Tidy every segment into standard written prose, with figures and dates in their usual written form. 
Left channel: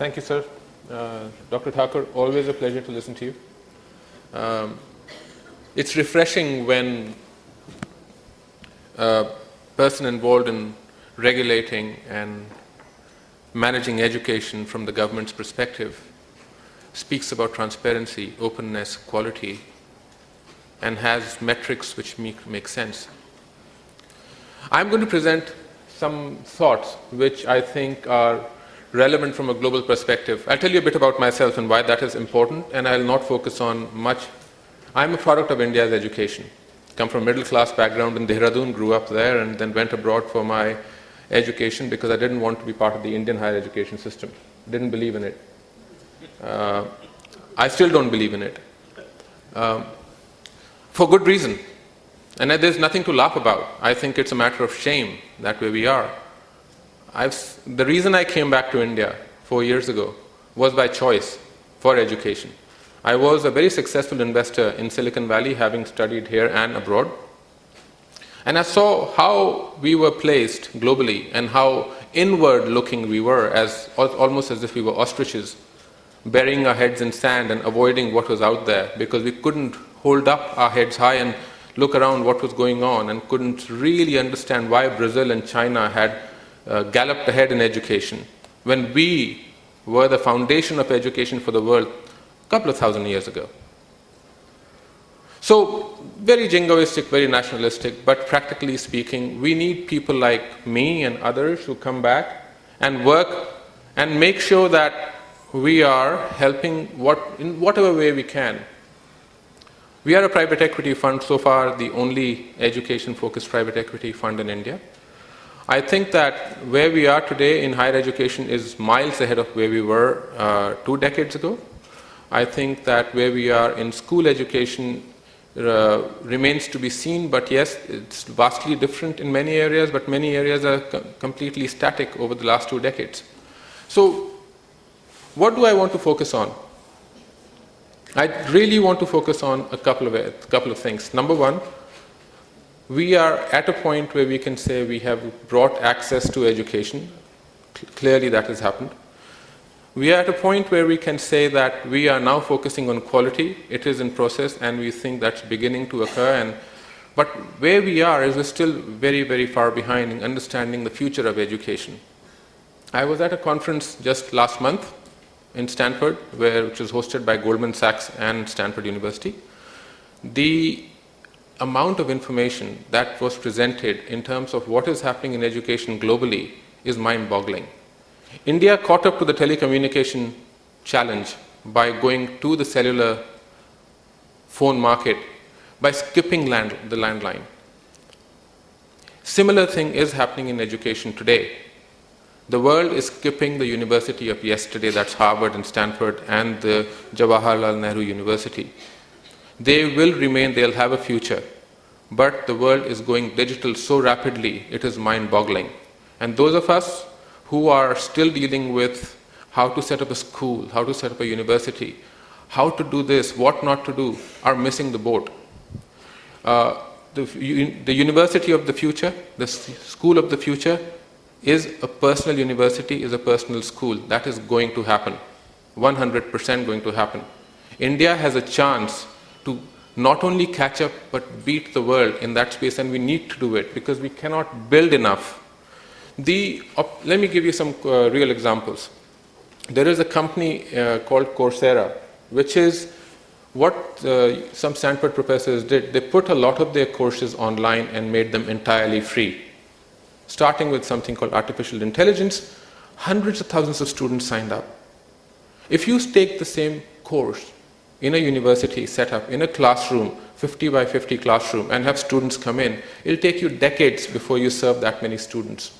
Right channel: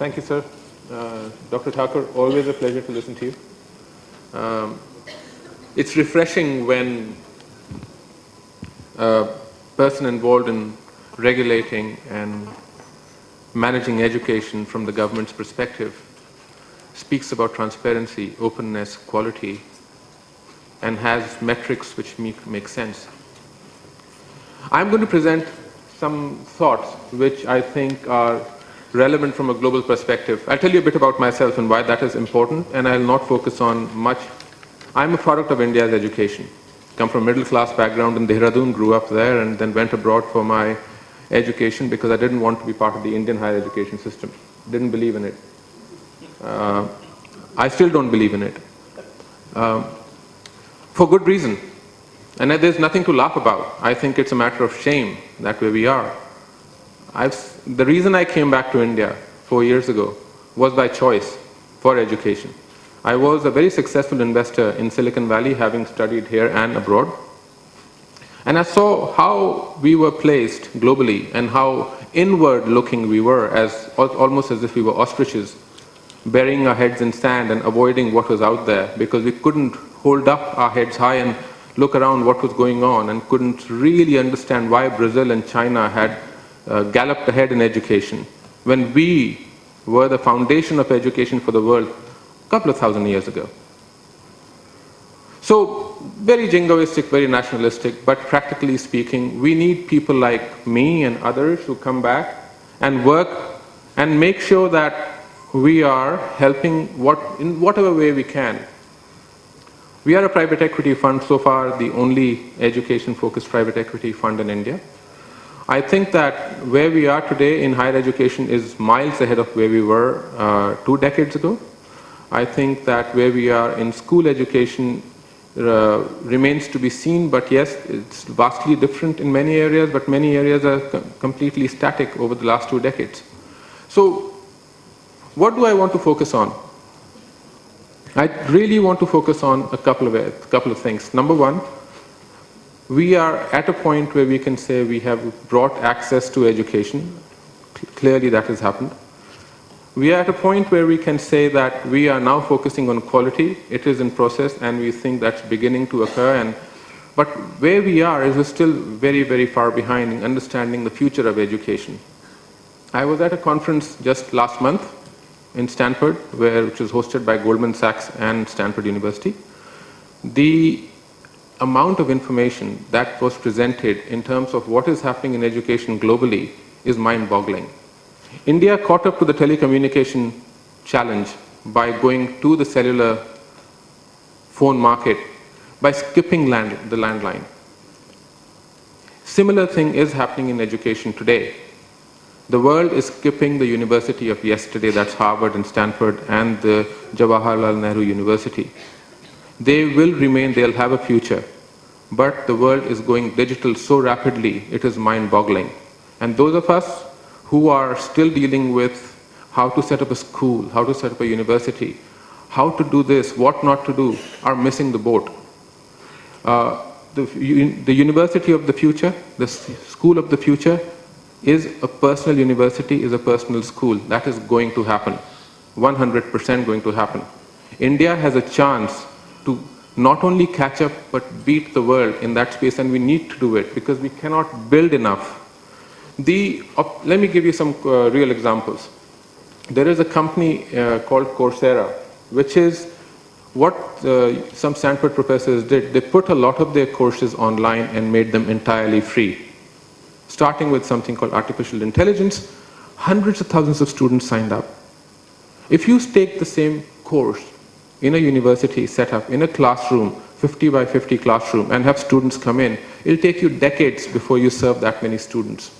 Thank you, sir. Dr. Thakur, always a pleasure to listen to you. It's refreshing when a person involved in regulating and managing education from the government's perspective speaks about transparency, openness, quality, and has metrics which make sense. I'm going to present some thoughts which I think are relevant from a global perspective. I'll tell you a bit about myself and why that is important, and I'll not focus on much. I'm a product of India's education. Come from a middle-class background in Dehradun, grew up there, and then went abroad for my education because I didn't want to be part of the Indian higher education system. Didn't believe in it. I still don't believe in it. For good reason. And there's nothing to laugh about. I think it's a matter of shame that way we are. The reason I came back to India 4 years ago was by choice for education. I was a very successful investor in Silicon Valley, having studied here and abroad. And I saw how we were placed globally and how inward-looking we were, almost as if we were ostriches, burying our heads in sand and avoiding what was out there because we couldn't hold up our heads high and look around what was going on and couldn't really understand why Brazil and China had galloped ahead in education when we were the foundation of education for the world a couple of thousand years ago. So, very jingoistic, very nationalistic, but practically speaking, we need people like me and others who come back and work and make sure that we are helping in whatever way we can. We are a private equity fund, so far the only education-focused private equity fund in India. I think that where we are today in higher education is miles ahead of where we were 2 decades ago. I think that where we are in school education remains to be seen, but yes, it's vastly different in many areas, but many areas are completely static over the last 2 decades. So, what do I want to focus on? I really want to focus on a couple of things. Number one, we are at a point where we can say we have brought access to education. Clearly that has happened. We are at a point where we can say that we are now focusing on quality. It is in process and we think that's beginning to occur. But where we are is still very, very far behind in understanding the future of education. I was at a conference just last month in Stanford, which was hosted by Goldman Sachs and Stanford University. The amount of information that was presented in terms of what is happening in education globally is mind-boggling. India caught up to the telecommunication challenge by going to the cellular phone market by skipping the landline. Similar thing is happening in education today. The world is skipping the university of yesterday, that's Harvard and Stanford and the Jawaharlal Nehru University. They will remain, they'll have a future, but the world is going digital so rapidly, it is mind-boggling. And those of us who are still dealing with how to set up a school, how to set up a university, how to do this, what not to do, are missing the boat. The university of the future, the school of the future, is a personal university, is a personal school. That is going to happen, 100% going to happen. India has a chance to not only catch up, but beat the world in that space, and we need to do it because we cannot build enough. Let me give you some real examples. There is a company called Coursera, which is what some Stanford professors did. They put a lot of their courses online and made them entirely free. Starting with something called artificial intelligence, hundreds of thousands of students signed up. If you take the same course in a university set up, in a classroom, 50 by 50 classroom, and have students come in, it'll take you decades before you serve that many students.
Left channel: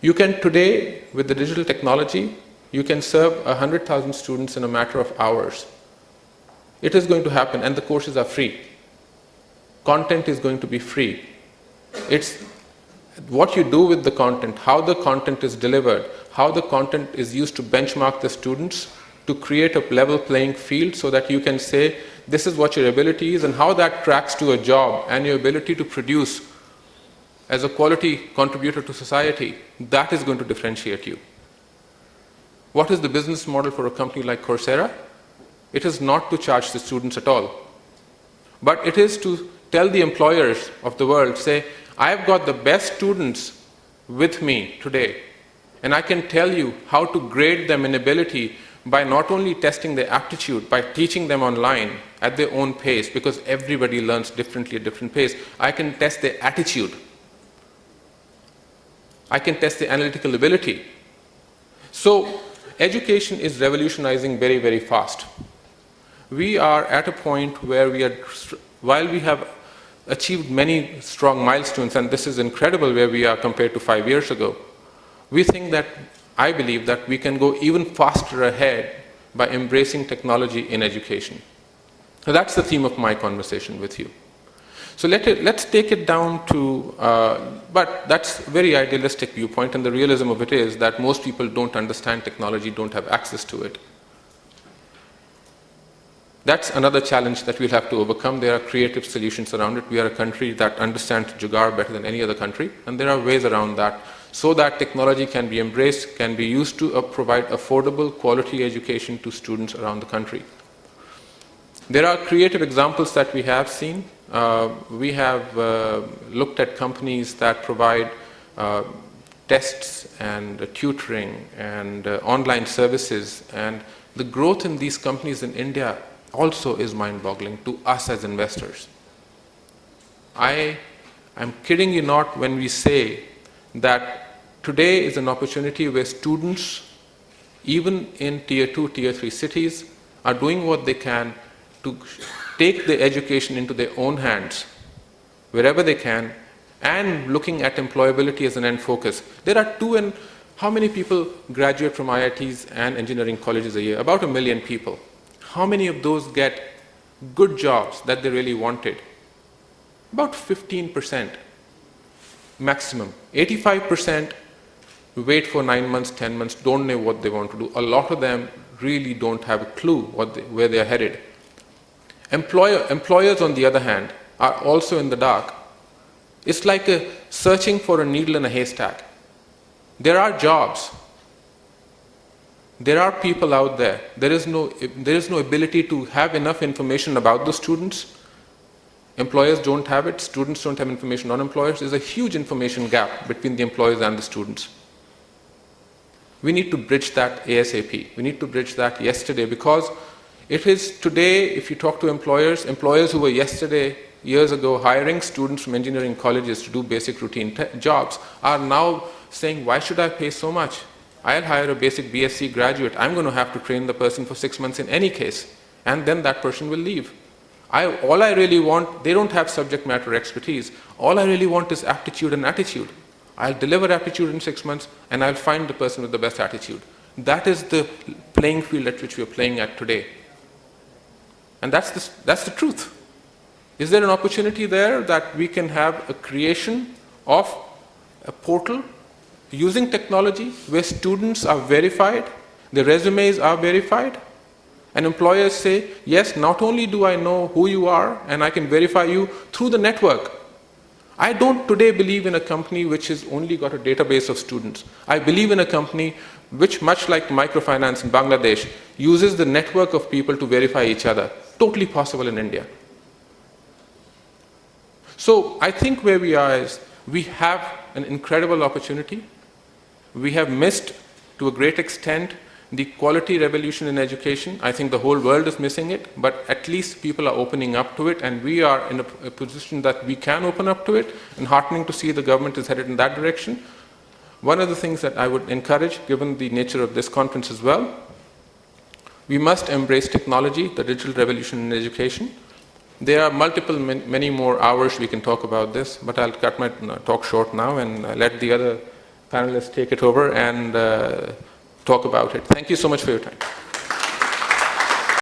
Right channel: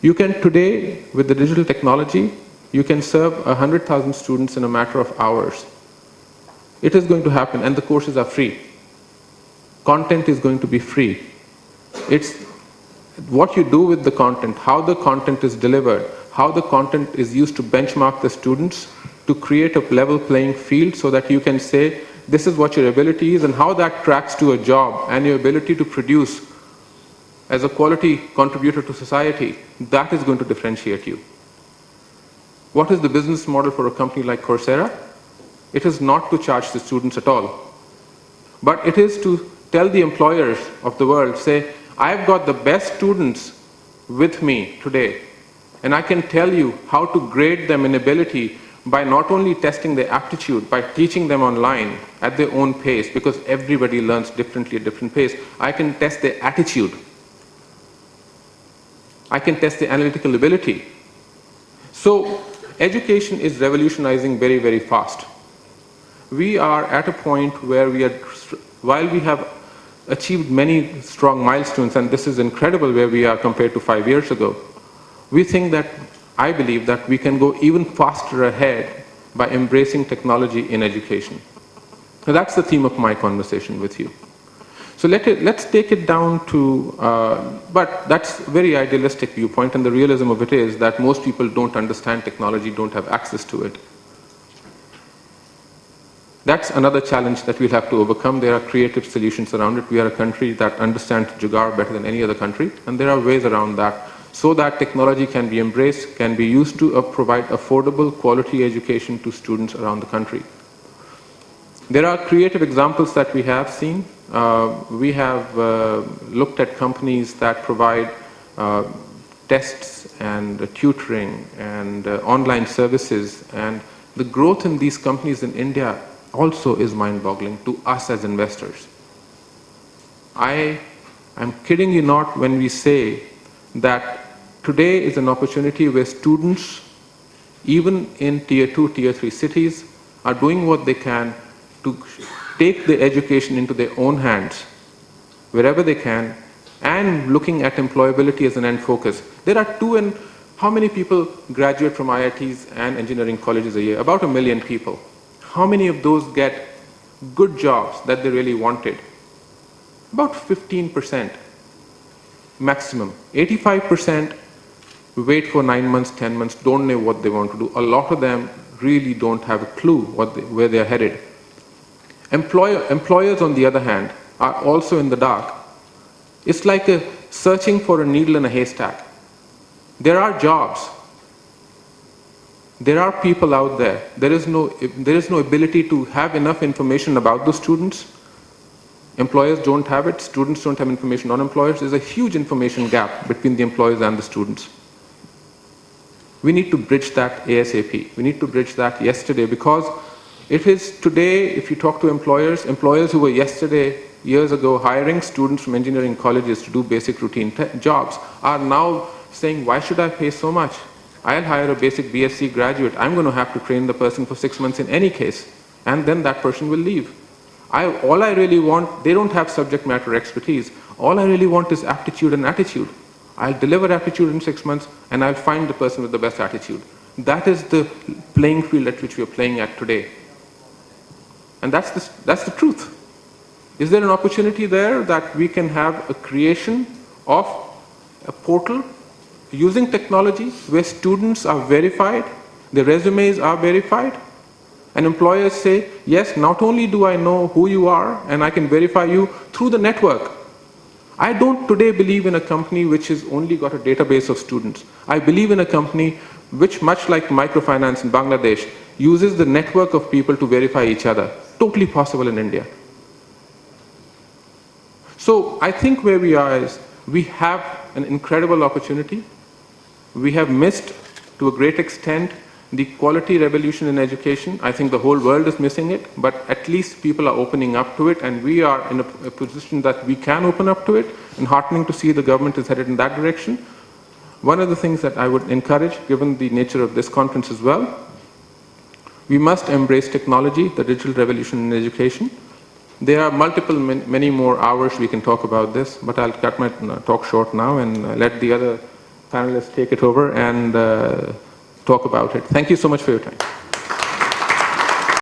You can today, with the digital technology, you can serve 100,000 students in a matter of hours. It is going to happen, and the courses are free. Content is going to be free. It's what you do with the content, how the content is delivered, how the content is used to benchmark the students, to create a level playing field so that you can say, this is what your ability is and how that tracks to a job and your ability to produce as a quality contributor to society, that is going to differentiate you. What is the business model for a company like Coursera? It is not to charge the students at all, but it is to tell the employers of the world, say, I've got the best students with me today, and I can tell you how to grade them in ability by not only testing their aptitude, by teaching them online at their own pace, because everybody learns differently at different pace. I can test their attitude. I can test their analytical ability. So education is revolutionizing very, very fast. We are at a point where while we have achieved many strong milestones, and this is incredible where we are compared to 5 years ago, we think that, I believe that we can go even faster ahead by embracing technology in education. So that's the theme of my conversation with you. So let's take it down to, but that's a very idealistic viewpoint, and the realism of it is that most people don't understand technology, don't have access to it. That's another challenge that we'll have to overcome. There are creative solutions around it. We are a country that understands Jugaad better than any other country, and there are ways around that so that technology can be embraced, can be used to provide affordable, quality education to students around the country. There are creative examples that we have seen. We have looked at companies that provide tests and tutoring and online services, and the growth in these companies in India also is mind-boggling to us as investors. I'm kidding you not when we say that today is an opportunity where students, even in tier 2, tier 3 cities, are doing what they can to take their education into their own hands, wherever they can, and looking at employability as an end focus. There are how many people graduate from IITs and engineering colleges a year? About 1 million people. How many of those get good jobs that they really wanted? About 15% maximum. 85% wait for 9 months, 10 months, don't know what they want to do. A lot of them really don't have a clue where they're headed. Employers, on the other hand, are also in the dark. It's like searching for a needle in a haystack. There are jobs. There are people out there. There is no ability to have enough information about the students. Employers don't have it. Students don't have information on employers. There's a huge information gap between the employers and the students. We need to bridge that ASAP. We need to bridge that yesterday, because it is today, if you talk to employers who were years ago, hiring students from engineering colleges to do basic routine jobs are now saying, why should I pay so much? I'll hire a basic BSc graduate. I'm going to have to train the person for 6 months in any case, and then that person will leave. All I really want, they don't have subject matter expertise. All I really want is aptitude and attitude. I'll deliver aptitude in 6 months, and I'll find the person with the best attitude. That is the playing field at which we are playing at today. And that's the truth. Is there an opportunity there that we can have a creation of a portal using technology where students are verified, their resumes are verified, and employers say, yes, not only do I know who you are and I can verify you through the network. I don't today believe in a company which has only got a database of students. I believe in a company which, much like microfinance in Bangladesh, uses the network of people to verify each other. Totally possible in India. So I think where we are is we have an incredible opportunity. We have missed, to a great extent, the quality revolution in education. I think the whole world is missing it, but at least people are opening up to it, and we are in a position that we can open up to it, and heartening to see the government is headed in that direction. One of the things that I would encourage, given the nature of this conference as well, we must embrace technology, the digital revolution in education. There are many more hours we can talk about this, but I'll cut my talk short now and let the other panelists take it over and talk about it. Thank you so much for your time.